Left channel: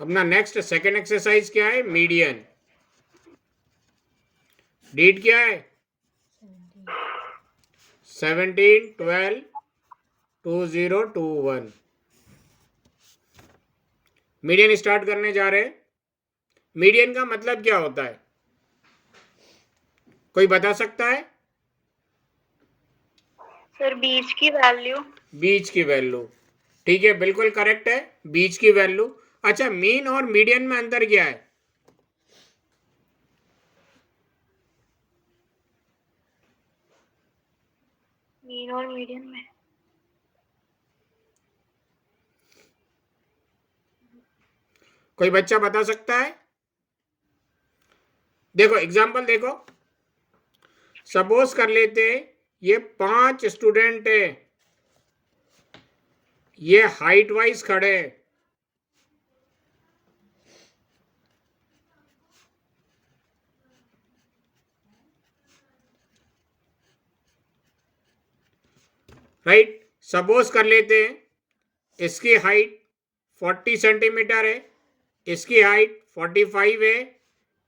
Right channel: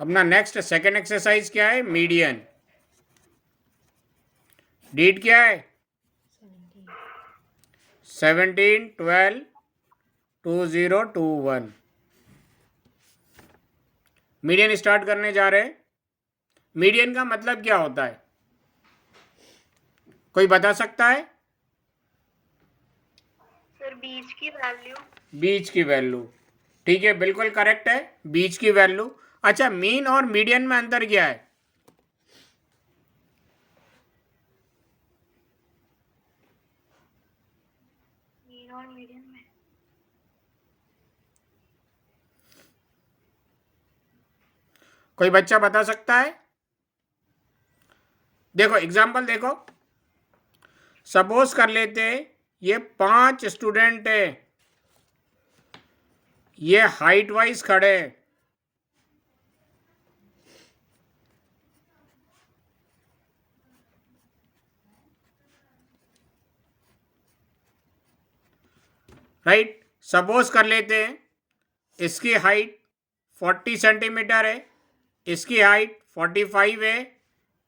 अपना next second exercise क्या है? मीडियन। डीट क्या है? 17 12 2021। मीडियन स्टार्ट करने जा रहे हैं। मीडियन का मतलब क्या होता है? कोई बता सकता है? सर बीच की वैल्यू। बीच की वैल्यू, ठीक है, बिल्कुल करेक्ट है, बीच की वैल्यू। अच्छा, मीन और मीडियन में अंतर क्या है? मीन और मीडियन में कोई बच्चा बता सकता है? देखो एग्जाम्पल देखो, सपोज कर लेते ये 5 स्टूडेंट है, ये हाइट वाइज खड़े हैं, राइट। सपोज कर लेते हैं इसकी हाइट 40 सेंटीमीटर है, इसकी हाइट 45 है,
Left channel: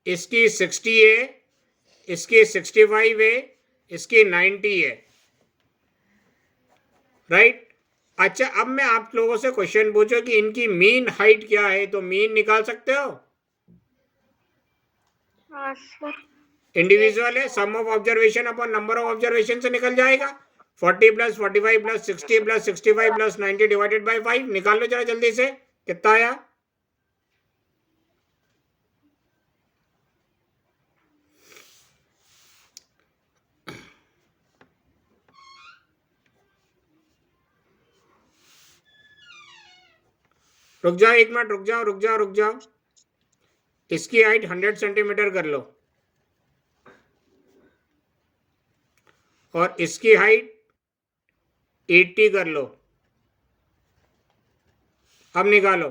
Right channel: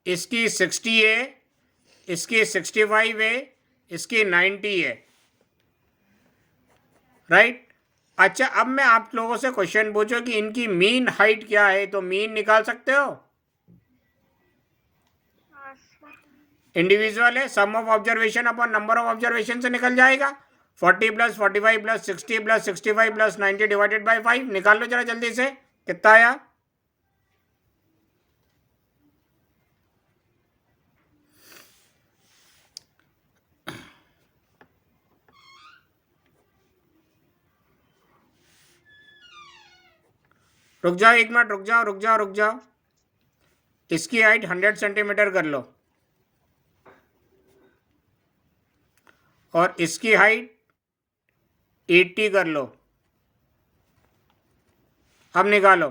इसकी 60 है, इसकी 65 है, इसकी 90 है, राइट। अच्छा, अब मैं आप लोगों से क्वेश्चन पूछूं कि इनकी मीन हाइट क्या है, तो मीन निकाल सकते हो? हाँ सर। इंडिविजुअल है, sum of observation upon number of observation से निकल जाएगा। 40 plus 45 plus 60 plus 65 plus 90 divided by 5। निकाल लो जरा जल्दी से, कितना आया? रुक जाओ एक मिनट, रुक जाओ रुक जाओ रुक जाओ। इसकी हाइट 100 सेंटीमीटर कर लो और इसकी हाइट 80 कर लो। अब निकालो।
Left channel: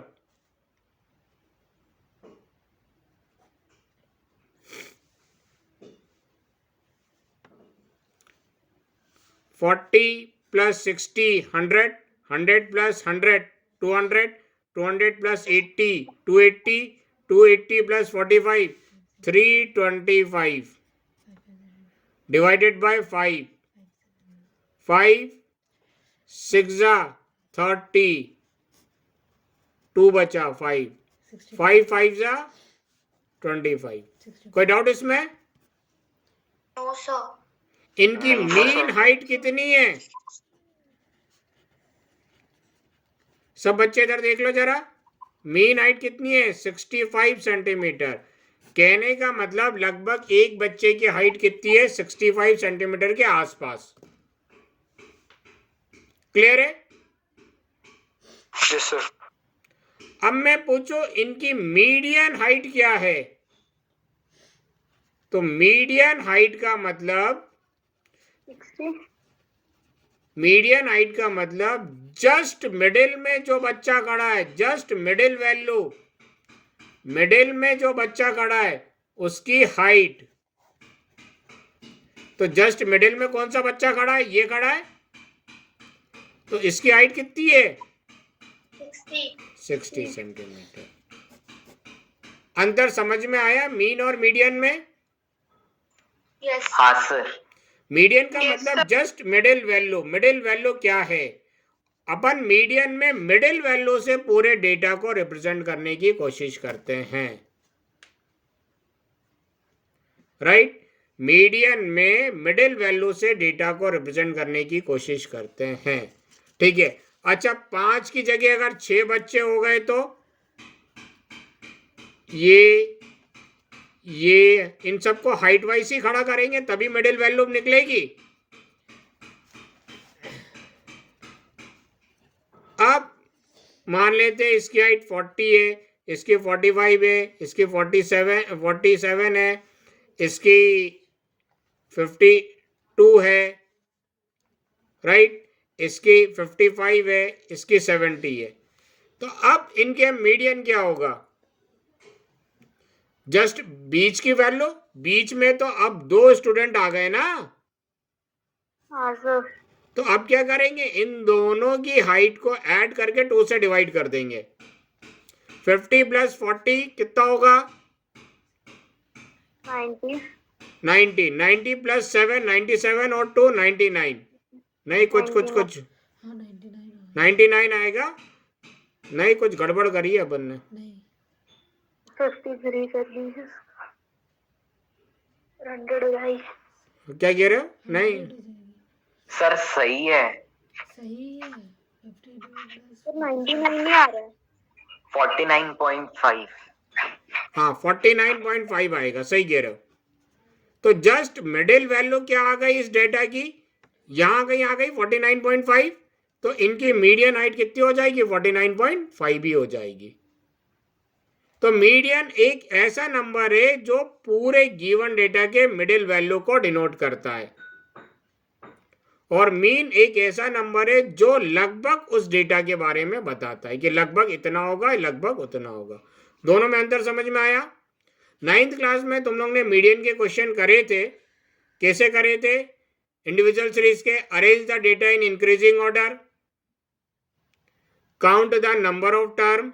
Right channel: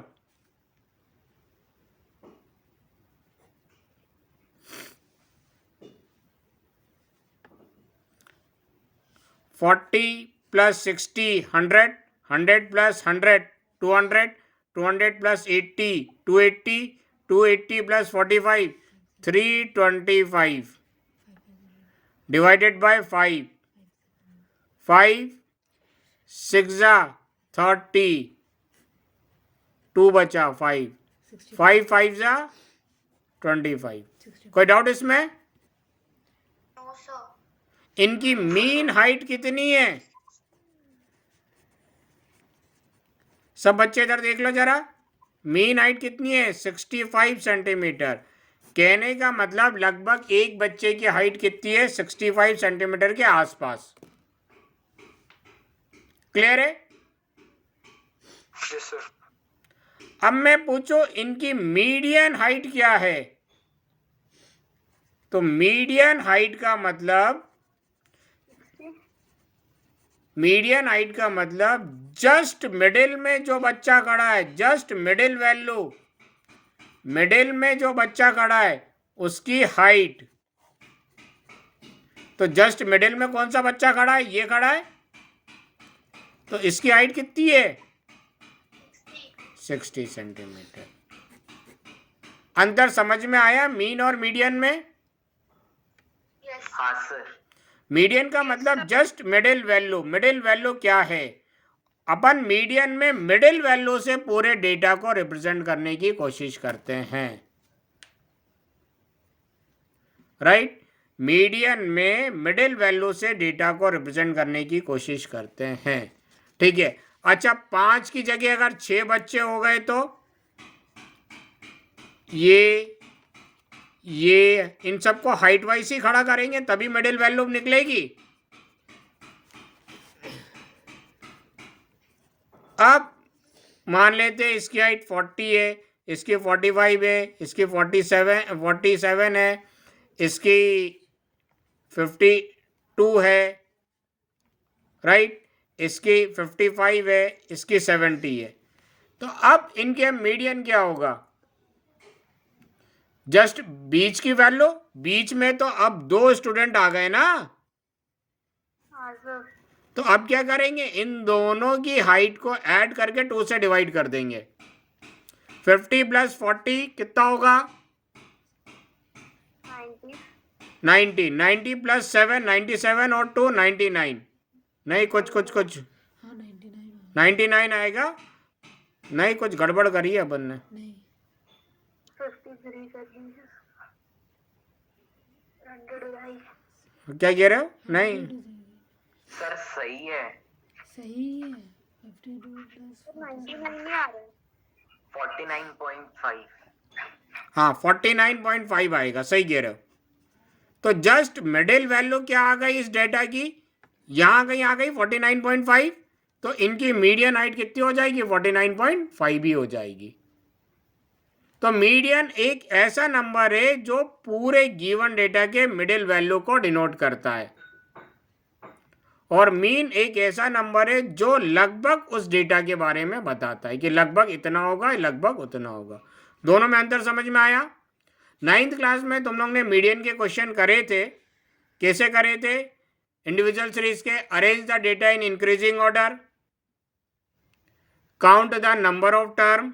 Forty plus 60 100, 100 plus 100 200, 200 plus 80 280, 280 plus 45 325 divided by 5। 5 6 30, 2 बचा 5, 5 5 जा 25। कोई डाउट इसमें? No sir. इनकी मीन हाइट कितनी है? सब बच्चे इधर देख लो जरा, मीन हाइट कितनी है? 65 सेंटीमीटर। कहने का मतलब लगभग एक बच्चे की हाइट कितनी है? 65 सेंटीमीटर के आसपास। क्लियर है? Yes sir. अब मैं पूछूं इनकी मीडियन हाइट क्या है, तो मीडियन हाइट का मतलब, 60। मीडियन हाइट का मतलब जस्ट मिडिल में जो बच्चा खड़ा है, जस्ट मिडिल वैल्यू, मिडिल में जो बच्चा खड़ा है उसकी हाइट। तो जस्ट मिडिल में कौन सा बच्चा खड़ा है? ये खड़ा है, तो इसकी हाइट कितनी है? 60 सेंटीमीटर। अंतर समझ में आया मीन और मीडियन में? यस। हाँ सर। मीडियन का Yes, मतलब sir. Just middle value. Middle value क्या है? अपन मीडियन में मिडिल वैल्यू से पूरे डेटा को रिप्रेजेंट करने की कोशिश करते हैं, राइट। मीडियन में मिडिल वैल्यू से डेटा को रिप्रेजेंट करने की कोशिश करते हैं, ठीक है। अच्छा, 5 की जगह अगर 6 बच्चे हो गए तो ये इन सबको हाइट वाइज ही खड़ा करेंगे तभी मिडिल वैल्यू निकलेगी। अब मान लेते हैं इसकी हाइट 40 है, इसकी 45 है, इसकी 47 है, इसकी 52 है, राइट, इसकी 55 है, इसकी 70 है। तो अब इनके मीडियन क्या होगा? जस्ट बीच की वैल्यू, बीच में तो अब 2 स्टूडेंट आ गए ना, हाँ सर। तो अब क्या करेंगे? इन दोनों की हाइट को ऐड करके 2 से डिवाइड कर देंगे। 50 प्लस 40 कितना होगा? 90. 90. 90 प्लस 7 97 और 2 99. नहीं, कुछ 99 आएगा। नहीं, कुछ गड़बड़ करी है अपन ने। 53 कर लीजिए। 100 भाई। क्या कह रहे हो? नहीं, सर सही है। 99 नहीं आ रहा है। 49.5। हाँ 49.5 आएगा, सही कह रहे हो। तो जस्ट मिडिल वैल्यू क्या आ गई इस डेटा की? यहां कहीं आ गई 49.5। तो इनकी मीडियन हाइट कितनी हो जाएगी? 49.5 ही हो जाएगी। तो मीडियन एक ऐसा नंबर है जो पूरे गिवन डेटा के मिडिल वैल्यू को डिनोट करता है, और मीन एक ऐसा नंबर है जो लगभग उस डेटा के बारे में बताता है कि लगभग इतना होगा, लगभग उतना होगा। दोनों में अंतर समझ में आया? 9th क्लास में तुम लोग ने मीडियन के क्वेश्चन करे थे। कैसे करे थे? इंडिविजुअल सीरीज के arrange the data in increasing order, count the number of term,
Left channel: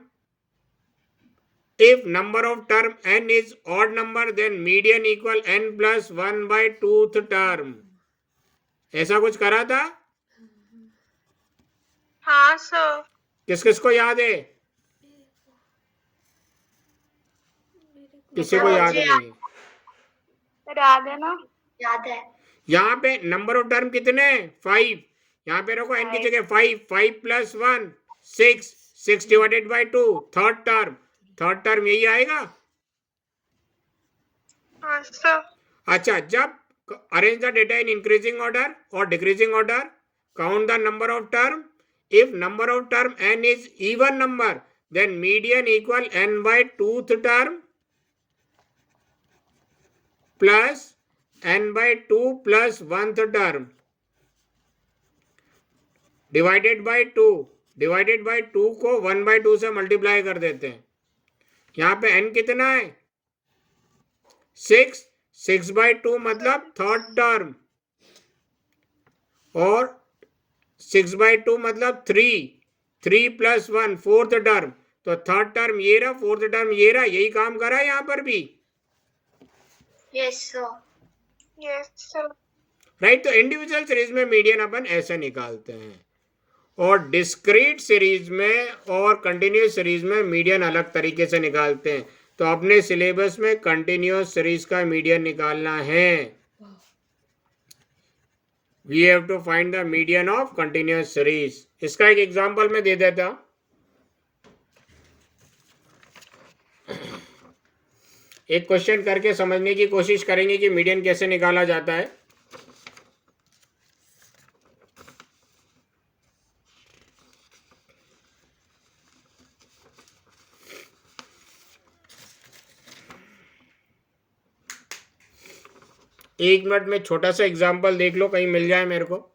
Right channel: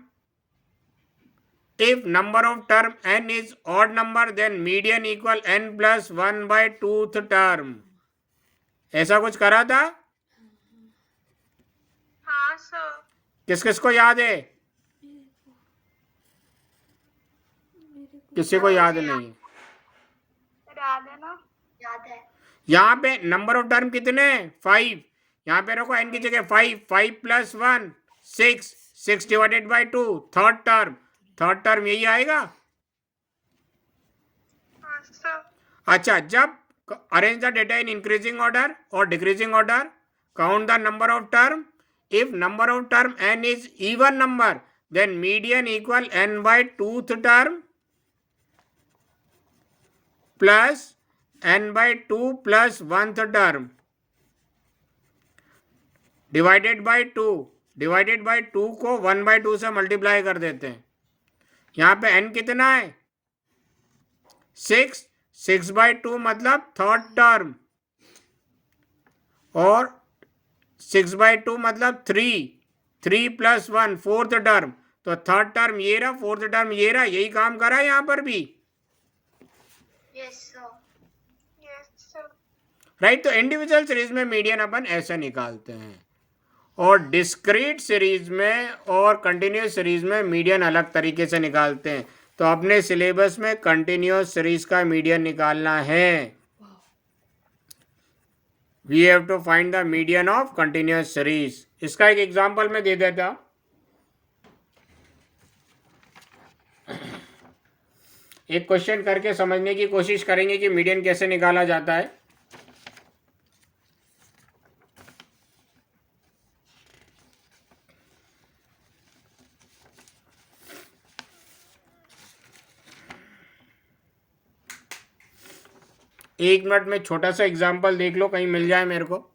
if number of term n is odd number then median equal n plus 1 by 2th term। ऐसा कुछ करा था? हाँ सर। किस किस को याद है? किसी को याद नहीं? याद है ना? याद है। यहाँ पे नंबर ऑफ टर्म कितने? 5। यहाँ पे रखो n की जगह 5। 5 plus 1 6। 6 divided by 2 third term यही आएगा। हाँ सर। अच्छा, जब arrange the data in increasing order और decreasing order, count the number of term, if number of term n is even number then median equal n by 2th term plus n by 2 प्लस 1th term divided by 2। Divided by 2 को 1 bye 2 से multiply कर देते हैं। यहाँ पे n कितना है? 6। 6 बाय 2 मतलब थर्ड टर्म, और 6 बाय 2 मतलब 3। 3 प्लस 1 फोर्थ टर्म। तो थर्ड टर्म ये रहा, फोर्थ टर्म ये रहा। यही काम करा यहाँ पर भी। Yes sir. Yes sir. Right. तो इंडिविजुअल सीरीज में मीडियन अपन ऐसे निकालते हैं, और डिस्क्रीट सीरीज में और कंटिन्यूस सीरीज में मीडियन अलग तरीके से निकालते हैं। तो अपने सिलेबस में कंटिन्यूस सीरीज का मीडियन निकालना है। We have to find the median of continuous series. इसका एक एग्जांपल मैं दे देता हूं। एक क्वेश्चन करके समझने की कोशिश करेंगे कि मीडियन कैसे निकाला जाता है। एक मिनट में छोटा सा एग्जांपल देख लो, कहीं मिल जाए मेरे को।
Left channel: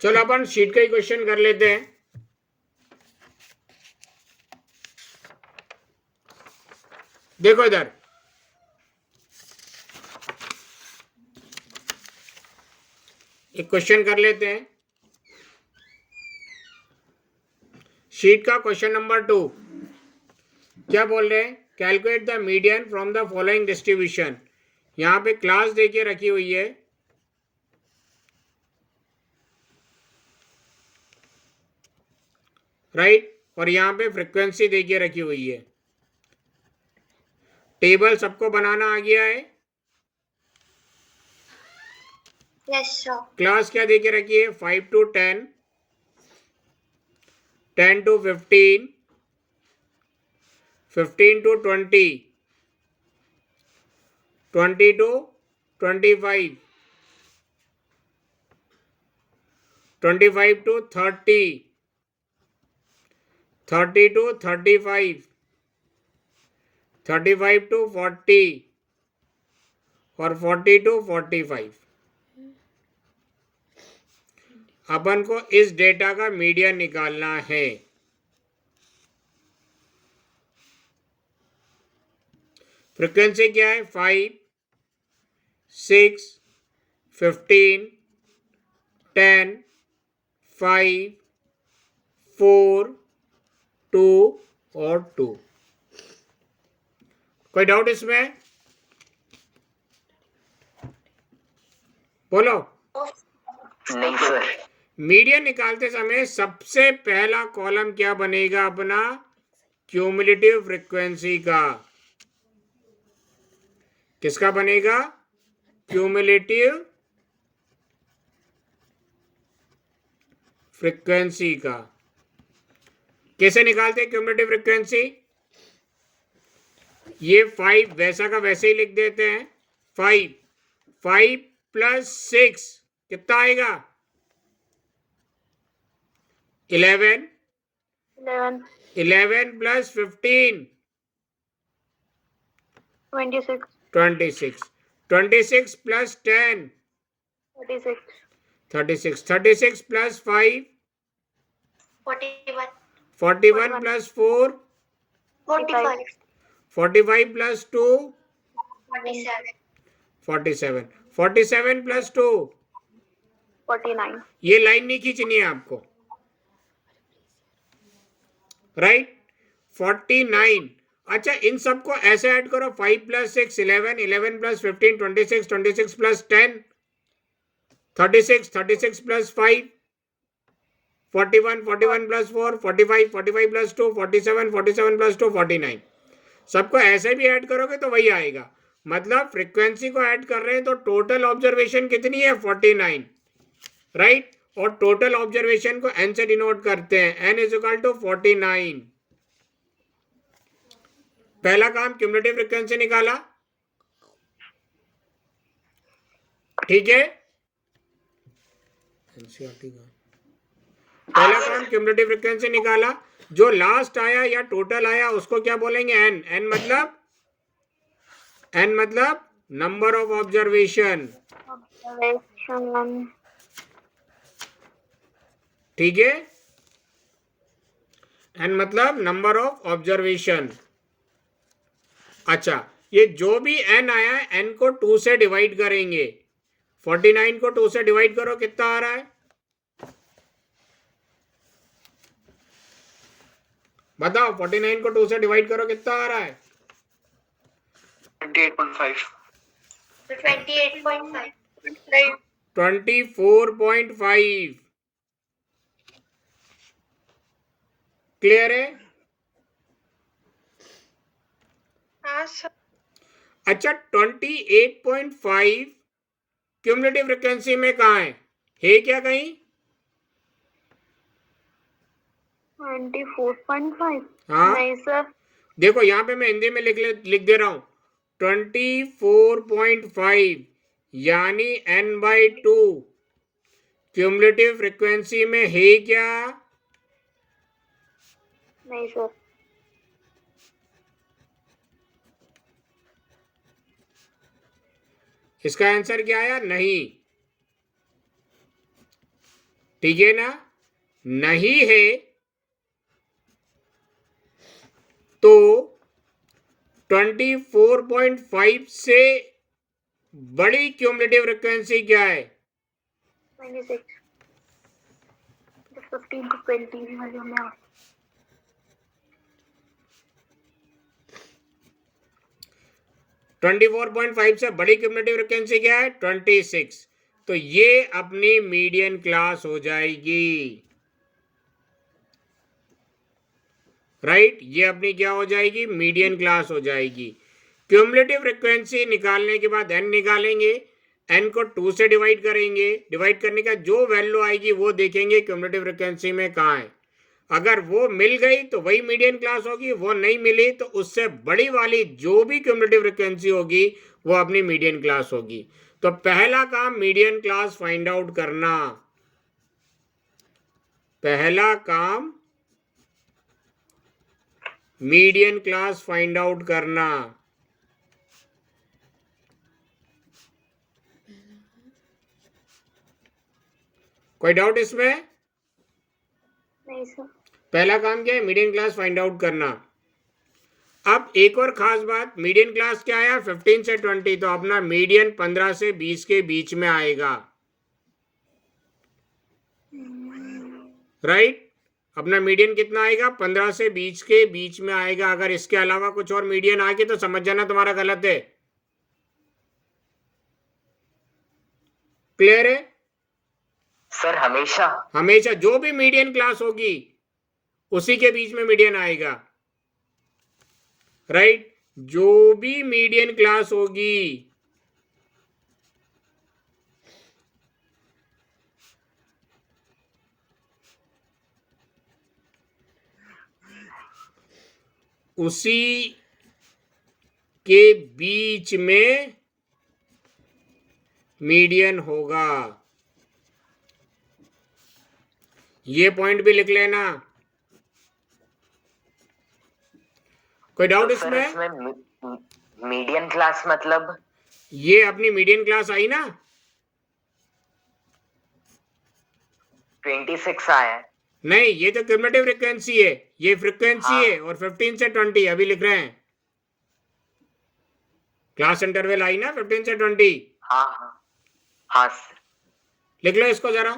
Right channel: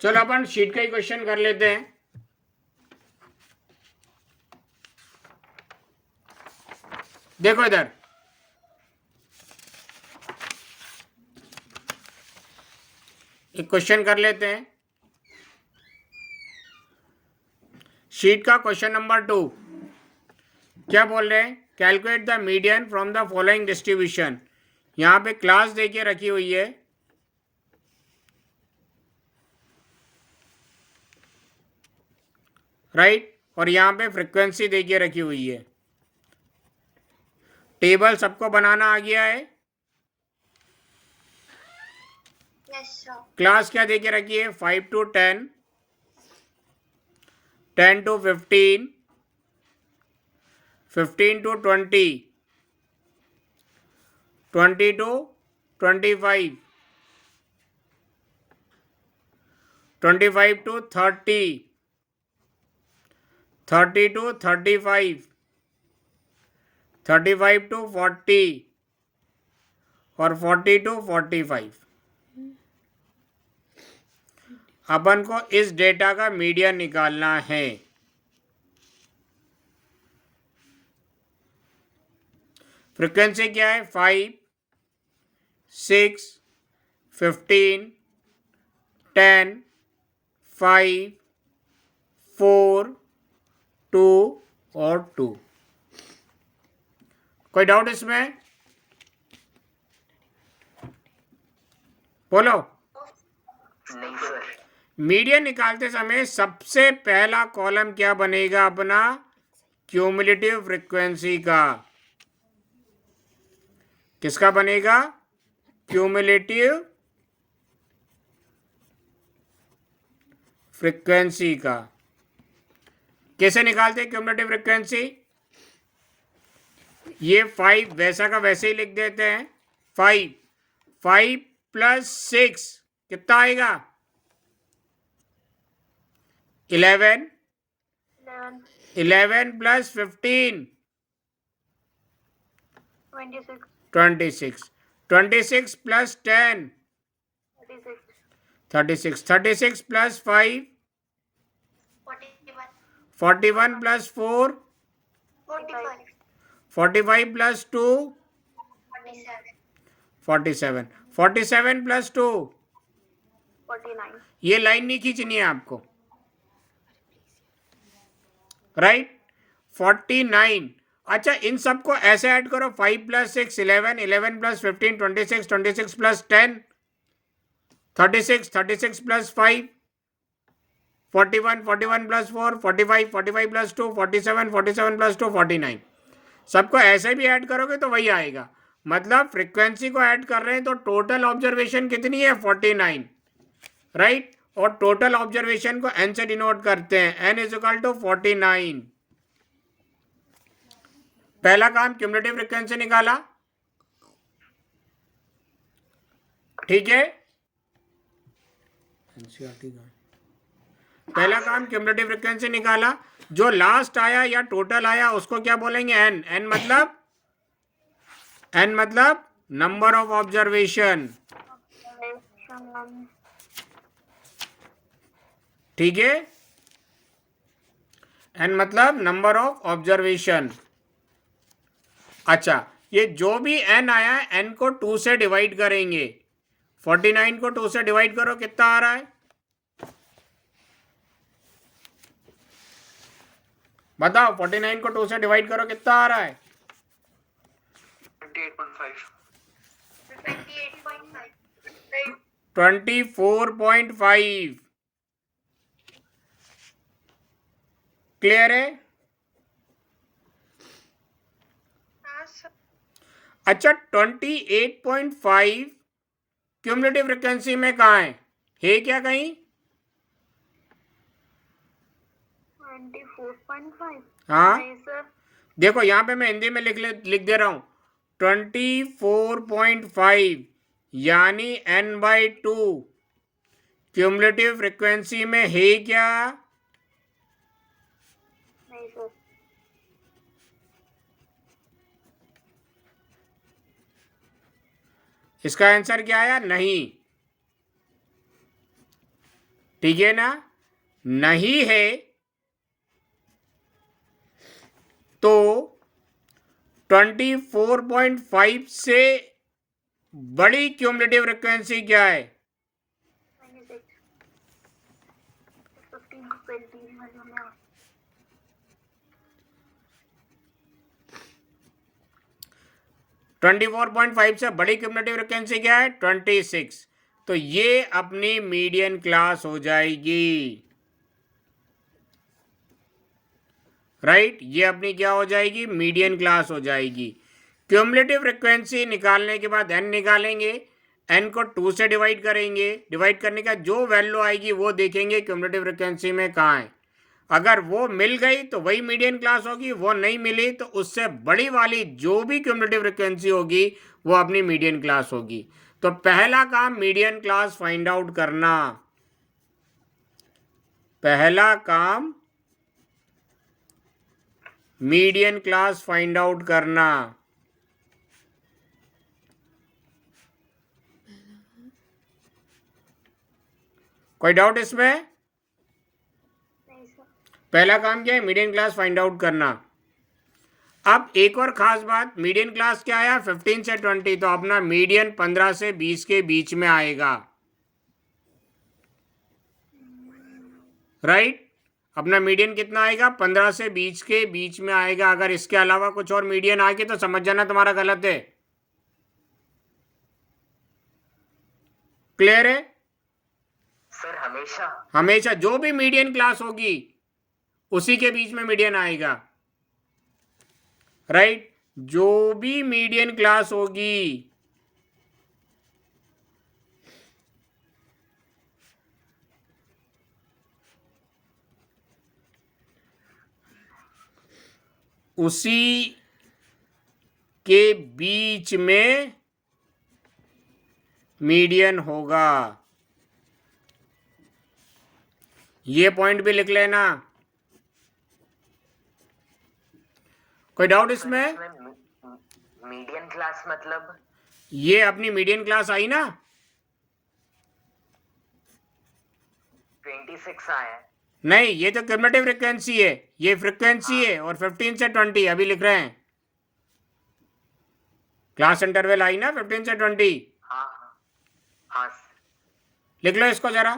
चलो अपन शीट का ही क्वेश्चन कर लेते हैं। देखो इधर, एक क्वेश्चन कर लेते हैं। शीट का क्वेश्चन नंबर 2 क्या बोल रहे हैं? Calculate the median from the following distribution. यहां पे क्लास देखिए रखी हुई है, राइट, और यहां पे फ्रीक्वेंसी देखिए रखी हुई है। टेबल सबको बनाना आ गया है? Yes sir. क्लास क्या दे के रखी है? 5 to 10, 10 to 15, 15 to 20, 20 to 25, 25 to 30, 30 to 35, 35 to 40 और 40 to 45। अपन को इस डेटा का मीडियन निकालना है। फ्रीक्वेंसी क्या है? 5, 6, 15, 10, 5, 4, 2 और 2। कोई डाउट इसमें? बोलो। नहीं सर। मीडियन निकालते समय सबसे पहला कॉलम क्या बनेगा अपना? क्यूमुलेटिव फ्रीक्वेंसी का। किसका बनेगा? क्यूमुलेटिव फ्रीक्वेंसी का। कैसे निकालते हैं क्यूमुलेटिव फ्रीक्वेंसी? ये 5 वैसा का वैसे ही लिख देते हैं। 5 प्लस 6 कितना आएगा? 11 11 plus 15 26 26 26 plus 10 36 36 plus 5 41 41 plus 4 45 45 plus 2 47 47 47 plus 2। 49 ये लाइन नहीं खींचनी है आपको, राइट? 49। अच्छा, इन सबको ऐसे ऐड करो। 5 plus 6 11, 11 plus 15 26, 26 plus 10 36, 36 plus 5 41, 41 plus 4 45, 45 plus 2 47, 47 plus 2 49। सबको ऐसे भी ऐड करोगे तो वही आएगा। मतलब फ्रीक्वेंसी को ऐड कर रहे हैं तो टोटल ऑब्जर्वेशन कितनी है? 49, राइट? और टोटल ऑब्जर्वेशन को n से डिनोट करते हैं। n is equal to 49। पहला काम क्यूमुलेटिव फ्रीक्वेंसी निकाला, ठीक है? पहला काम क्यूमुलेटिव फ्रीक्वेंसी निकाला। जो लास्ट आया या टोटल आया उसको क्या बोलेंगे? n। n मतलब नंबर ऑफ ऑब्जर्वेशन, ठीक है? n मतलब नंबर ऑफ ऑब्जर्वेशन। अच्छा, ये जो भी n आया है n को 2 से डिवाइड करेंगे। 49 को 2 से डिवाइड करो, कितना आ रहा है? बताओ, 49 को 2 से डिवाइड करो, कितना आ रहा है? 28.5 28.5 24.5। क्लियर है? हाँ सर। अच्छा, 28.5 क्यूमुलेटिव फ्रीक्वेंसी में कहाँ है क्या कहीं? 24.5 हाँ, नहीं सर। देखो यहाँ पे मैं हिंदी में लिख दे रहा हूं 24.5 यानी n/2 क्यूमुलेटिव फ्रीक्वेंसी में है क्या? नहीं सर। इसका आंसर क्या आया? नहीं। ठीक है ना? नहीं है तो 24.5 से बड़ी क्यूमुलेटिव फ्रीक्वेंसी क्या है? 26 15 to 20 में 24.5 से बड़ी क्यूमुलेटिव फ्रीक्वेंसी क्या है? 26। तो ये अपनी मीडियन क्लास हो जाएगी, राइट? ये अपनी क्या हो जाएगी? मीडियन क्लास हो जाएगी। क्यूमुलेटिव फ्रिक्वेंसी निकालने के बाद n निकालेंगे, n को 2 से डिवाइड करेंगे, डिवाइड करने का जो वैल्यू आएगी वो देखेंगे क्यूमुलेटिव फ्रिक्वेंसी में कहाँ है। अगर वो मिल गई तो वही मीडियन क्लास होगी, वो नहीं मिली तो उससे बड़ी वाली जो भी क्यूमुलेटिव फ्रिक्वेंसी होगी वो अपनी मीडियन क्लास होगी। तो पहला काम मीडियन क्लास फाइंड आउट करना, पहला काम मीडियन क्लास फाइंड आउट करना। कोई डाउट इसमें? नहीं सर। पहला काम क्या है? मीडियन क्लास फाइंड आउट करना। अब एक और खास बात, मीडियन क्लास क्या है? 15 से 20, तो अपना मीडियन 15 से 20 के बीच में आएगा, राइट? अपना मीडियन कितना आएगा? 15 से 20 के बीच में आएगा। अगर इसके अलावा कुछ और मीडियन आ गए तो समझ जाना तुम्हारा गलत है। क्लियर है? सर हमेशा हमेशा जो भी मीडियन क्लास होगी उसी के बीच में मीडियन आएगा, राइट? जो भी मीडियन क्लास होगी उसी के बीच में मीडियन होगा। ये पॉइंट भी लिख लेना। कोई डाउट सर इसमें? इसमें मीडियन क्लास मतलब ये अपनी मीडियन क्लास आई ना, 26 आया है। नहीं ये तो क्यूमुलेटिव फ्रिक्वेंसी है, ये फ्रिक्वेंसी हाँ। है, और 15 से 20 अभी लिख रहे हैं। क्लास इंटरवल आई ना 15 से 20, हाँ हाँ हाँ सर। लिख लो इसको जरा।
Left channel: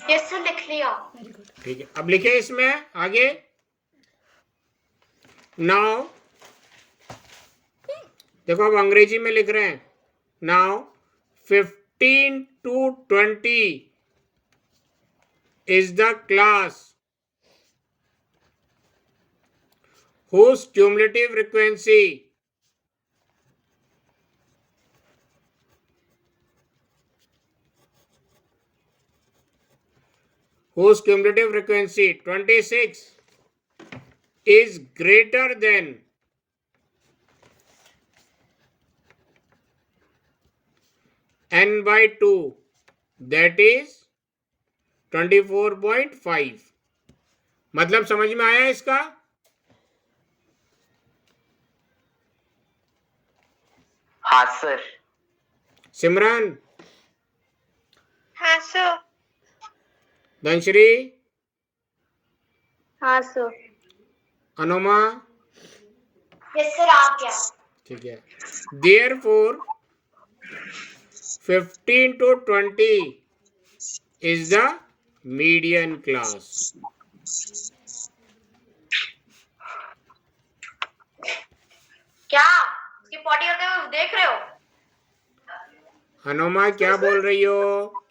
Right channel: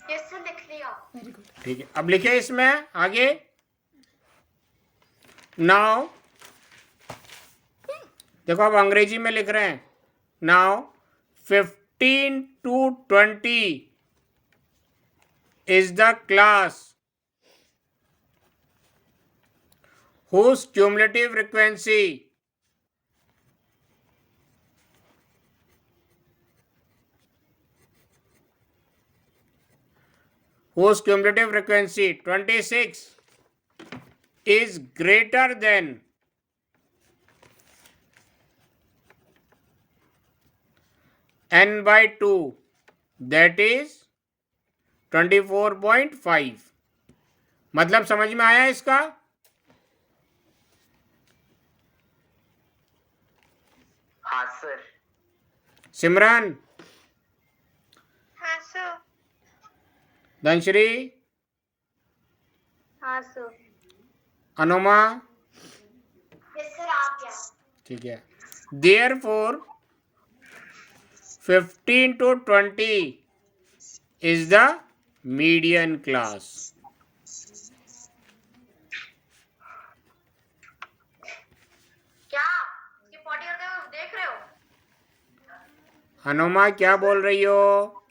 यस सर, लिख लिया। ठीक है, अब लिखे इसमें आगे। नाउ देखो अब अंग्रेजी में लिख रहे हैं। Now 15 to 20 is the class whose cumulative frequency whose cumulative frequency 26 is greater than n by 2, that is 24.5। मतलब समझ में आया इसका? हाँ सर। सिमरन, हाँ सर। धनश्री, हाँ सर। अनुमा, यस सर, आ गया। ठीक है। Therefore 15 to 20 is the median class। क्या इसकी पॉटी करते हुए देख रहे हो? अनुमा क्या बोल रही हो?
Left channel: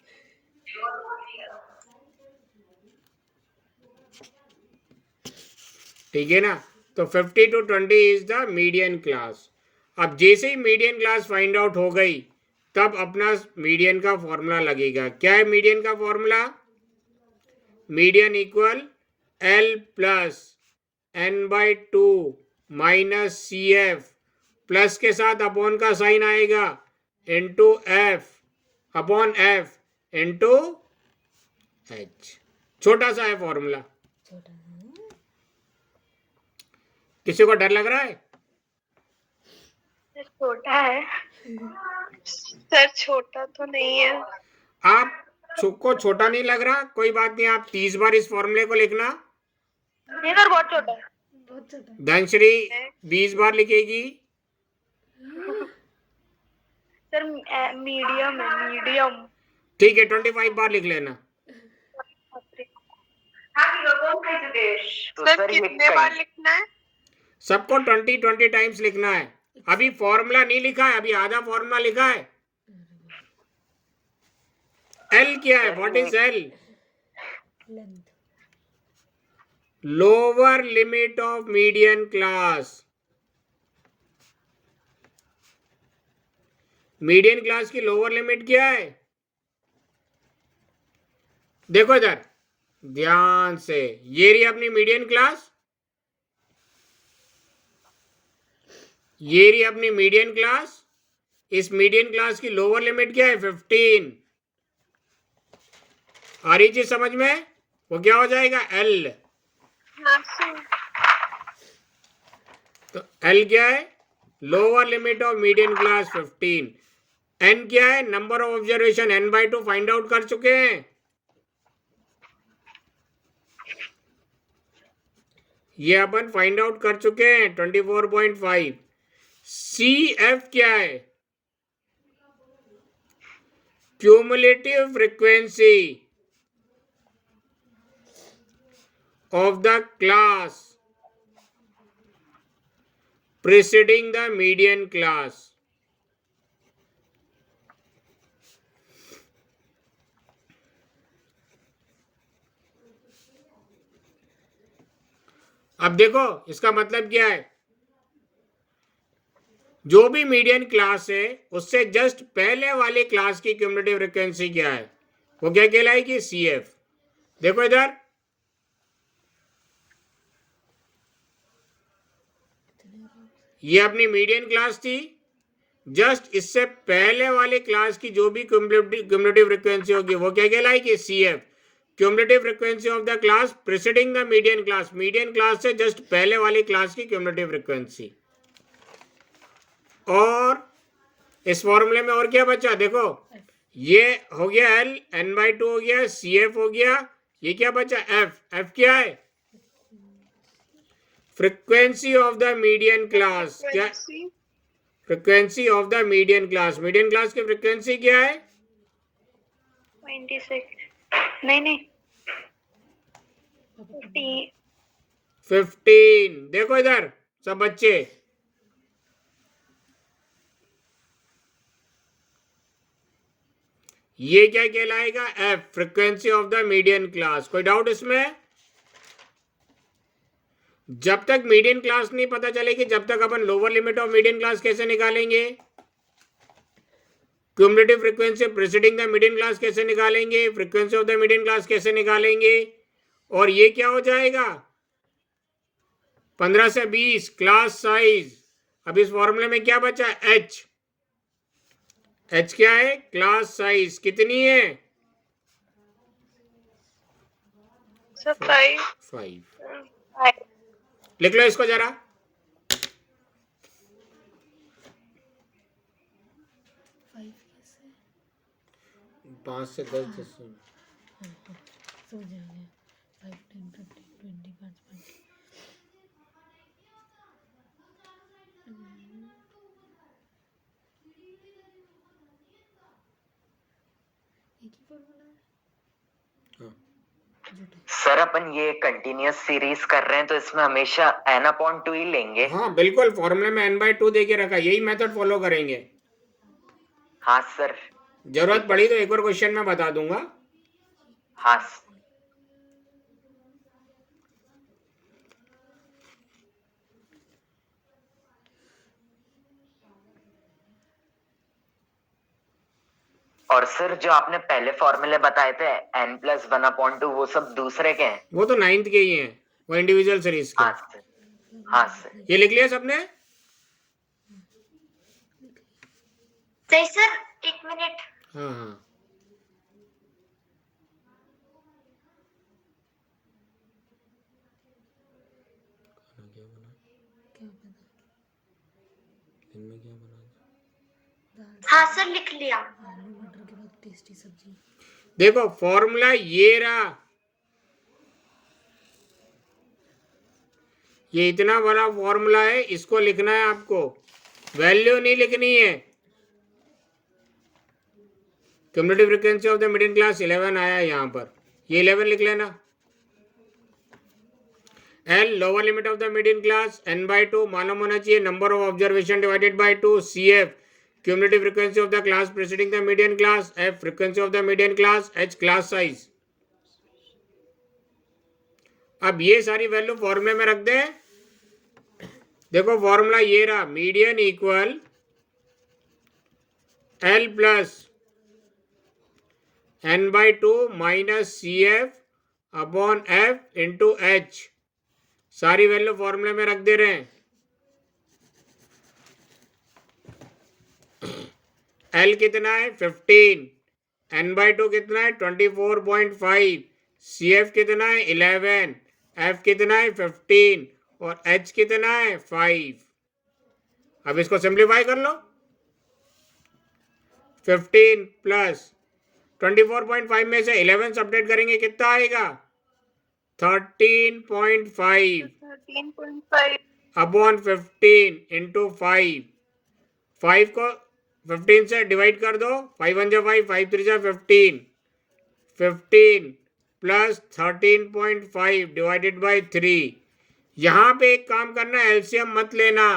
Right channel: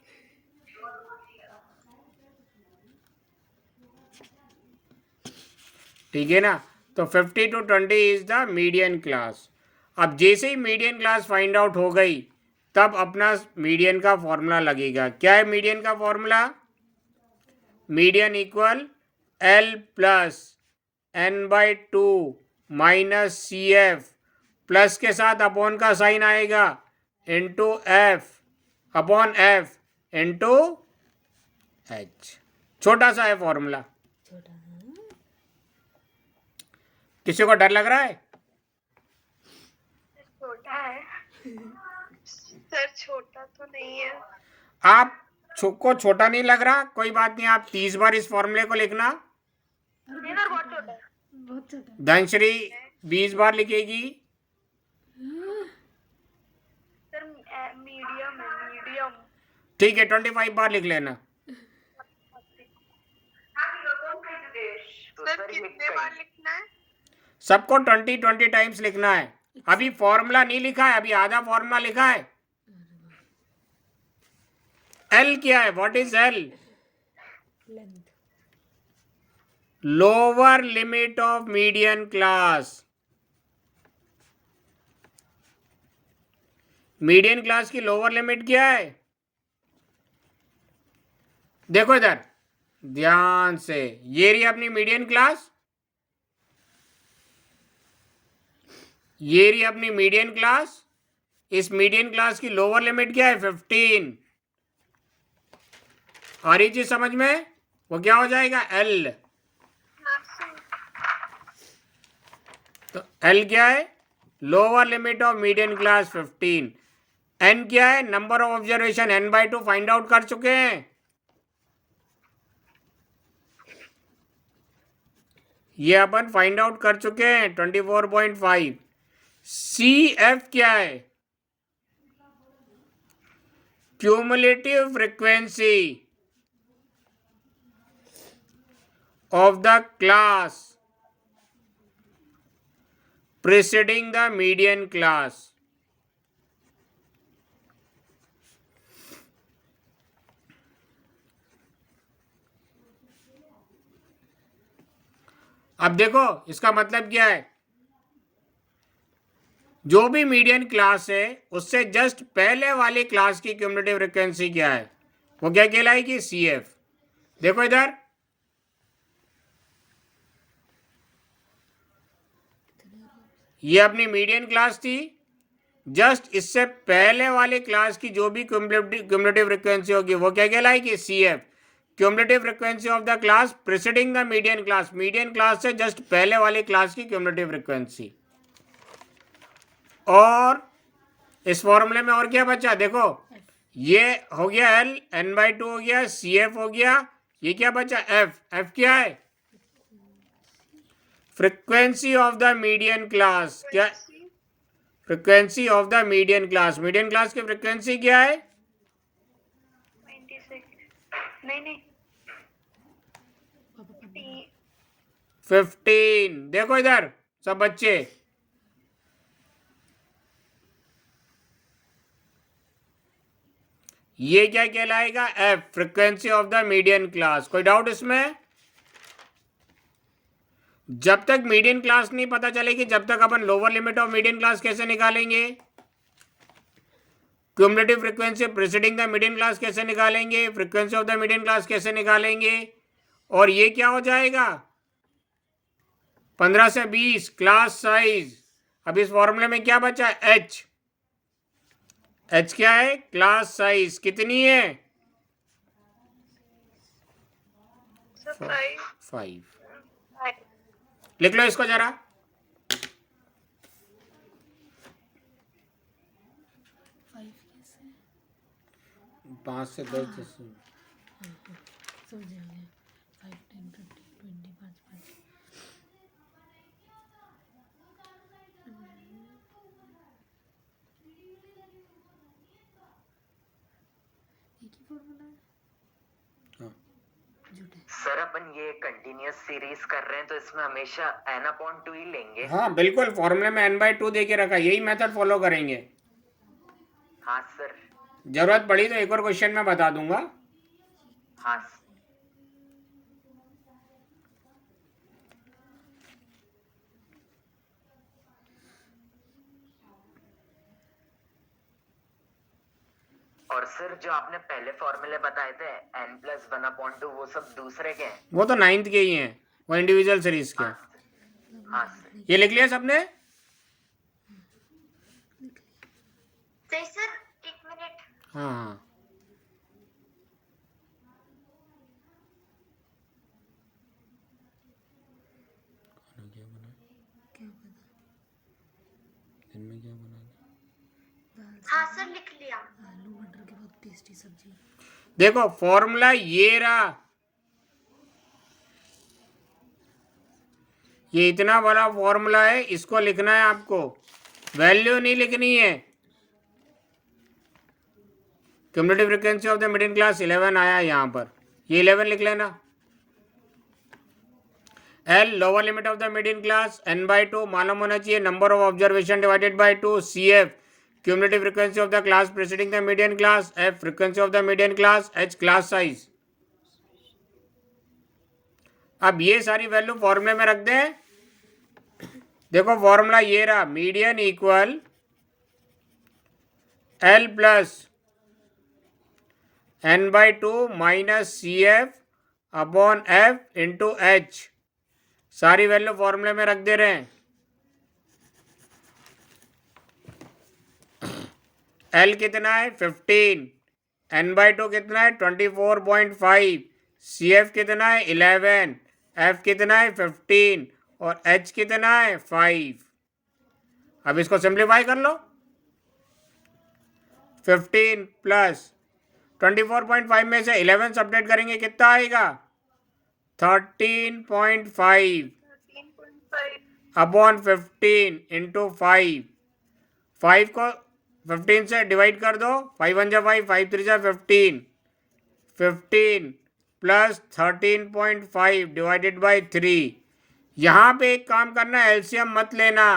ठीक है ना? तो 50 to 20 is the median class. अब जैसे ही मीडियन क्लास फाइंड आउट हो गई तब अपना मीडियन का फॉर्मूला लगेगा। क्या है मीडियन का formula? Median equal L plus n/2 minus CF, plus के साथ अपॉन का साइन आएगा, into F upon F into H। छोटा सा है फॉर्मूला। किसी को डर लग रहा है? सर छोटा है। सर छोटा तो नहीं है। आप को छोटा नहीं लग रहा? कोई बात नहीं, आप 30 बार इस फॉर्मूले को लिखना। नहीं सर, बहुत छोटा है। धनश्री 20 बार लिखेगी। सर मीडियम है, मीडियम। ठीक है, 25 बार लिख लेना। तो सर सर ये कितने बार लिखना है? सबको 20 टाइम्स लिखना है। अभी फॉर्मूला नहीं लिखा है, अभी आधा फॉर्मूला लिखा है। एल क्या है? What is L? Lower limit of median class. Median class की लोअर लिमिट क्या है? देखो इधर ध्यान से, ये रही अपनी मीडियन क्लास, ये रही अपनी मीडियन क्लास। इस मीडियन क्लास की लोअर लिमिट क्या है? 15। आ रही चीज समझ में? वो क्या हो जाएगा? एल। हाँ सर। तो एल क्या है? Lower limit of median class 15। N क्या है? Number of observation n/2 find out कर चुके हैं। ये अपन फाइंड आउट कर चुके हैं 24.5। सी एफ क्या है? Cumulative frequency of the class preceding the median class. अब देखो इसका मतलब क्या है? जो भी मीडियन क्लास है उससे जस्ट पहले वाले क्लास की क्यूमुलेटिव फ्रीक्वेंसी क्या है? वो क्या कहलाएगी? C F. देखो इधर, ये अपनी मीडियन क्लास थी, जस्ट इससे पहले वाले क्लास की जो भी क्यूमुलेटिव फ्रीक्वेंसी होगी वो क्या कहलाएगी? C F. Cumulative frequency of the class preceding the median class, median class से जस्ट पहले वाले क्लास की क्यूमुलेटिव फ्रीक्वेंसी। और इस फॉर्मूले में और क्या बचा? देखो ये हो गया एल, n/2 हो गया, सी एफ हो गया, ये क्या बचा? एफ। एफ क्या है? Frequency of the median class. क्या? Frequency of the median class. Median class की फ्रीक्वेंसी क्या है? 26। नहीं 15। देखो इधर सब बच्चे, ये क्या कहलाएगा? F, frequency of the median class. कोई डाउट इसमें? जब तक मीडियन क्लास नहीं पता चलेगी जब तक अपन lower limit of median class कैसे निकालेंगे? Cumulative frequency preceding the median class कैसे निकालेंगे? Frequency of the median class कैसे निकालेंगे? और ये क्या हो जाएगा? 15 से 20 क्लास साइज। अब इस फॉर्मूले में क्या बचा? एच। एच क्या है? Class size. कितनी है? 5। लिख लो इसको जरा। 5 से 10 सर अपन ये कंटिन्यूअस सीरीज कर रहे हैं तो इसमें हमेशा n/2 ही लेंगे। हाँ बिल्कुल, फॉर्मूले में n/2 दे के रखा, यही मेथड फॉलो करेंगे। हाँ सर। जरूरत पड़ी तो एक और क्वेश्चन में बता दूंगा। हाँ और सर जो आपने पहले फॉर्मूले बताए थे n+1/2 वो सब दूसरे के हैं? वो तो 9th के ही हैं, वो इंडिविजुअल सीरीज के। हाँ सर। हाँ सर। ये लिख लिया सबने? सही सर, 1 मिनट। हाँ हाँ। हाँ सर लिख लिया। देखो फॉर्मूला ये रहा, ये इतना बड़ा फॉर्मूला है, इसको लिखना है आपको, वैल्यू नहीं लिखनी है। Cumulative frequency of the middle class 11 आया यहाँ पर, ये 11 लिख लेना। L lower limit of the median class n/2 मालूम होना चाहिए, number of observation divided by 2, CF cumulative frequency of the class preceding the median class, F frequency of the median class, H class size. अब ये सारी value फॉर्मूले में रख दें। देखो फॉर्मूला ये रहा, median equal L plus n/2 minus CF upon F into H। सारी वैल्यू फॉर्मूले में रख दे रहे हैं। L कितना है 15, n/2 कितना है 24.5, CF कितना है 11, F कितना है 15 और H कितना है 5। अब इसको सिंप्लीफाई कर लो। 15 प्लस 24.5 में से 11 सब्ट्रैक्ट करेंगे कितना आएगा 13.5 13.5 अपॉन 15 इंटू 5। 5 को 15 से डिवाइड कर दो, 5 1 जा 5, 5 3 जा 15, 15 प्लस 13.5 डिवाइडेड बाई 3। यहाँ पे एक काम करना, एलसीएम मत लेना।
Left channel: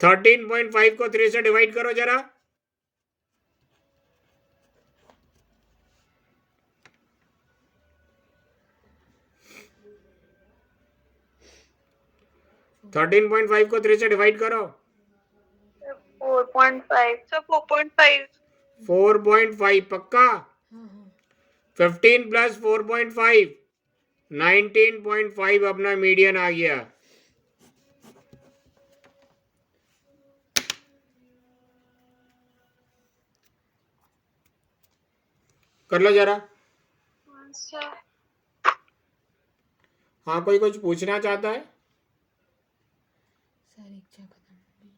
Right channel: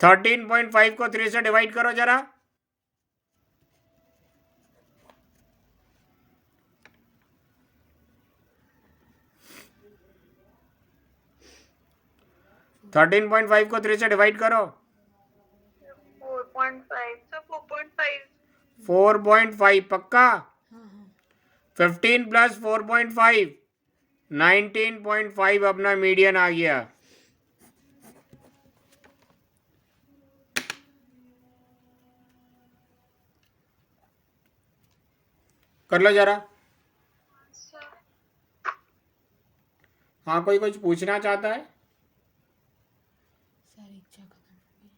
13.5 को 3 से डिवाइड करो जरा। थर्टीन पॉइंट फाइव को 3 से डिवाइड करो। 4.5 सर 4.5 4.5 पक्का। 15 प्लस 4.5 19.5 अपना मीडियन आ गया। कर लो जरा। सर हाँ, कोई कुछ पूछना चाहता है? सर इच्छा खत्म हो गई।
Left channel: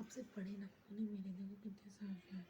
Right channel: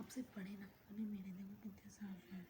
आपसे पढ़े ना, मेरे देखो कितने साफ है।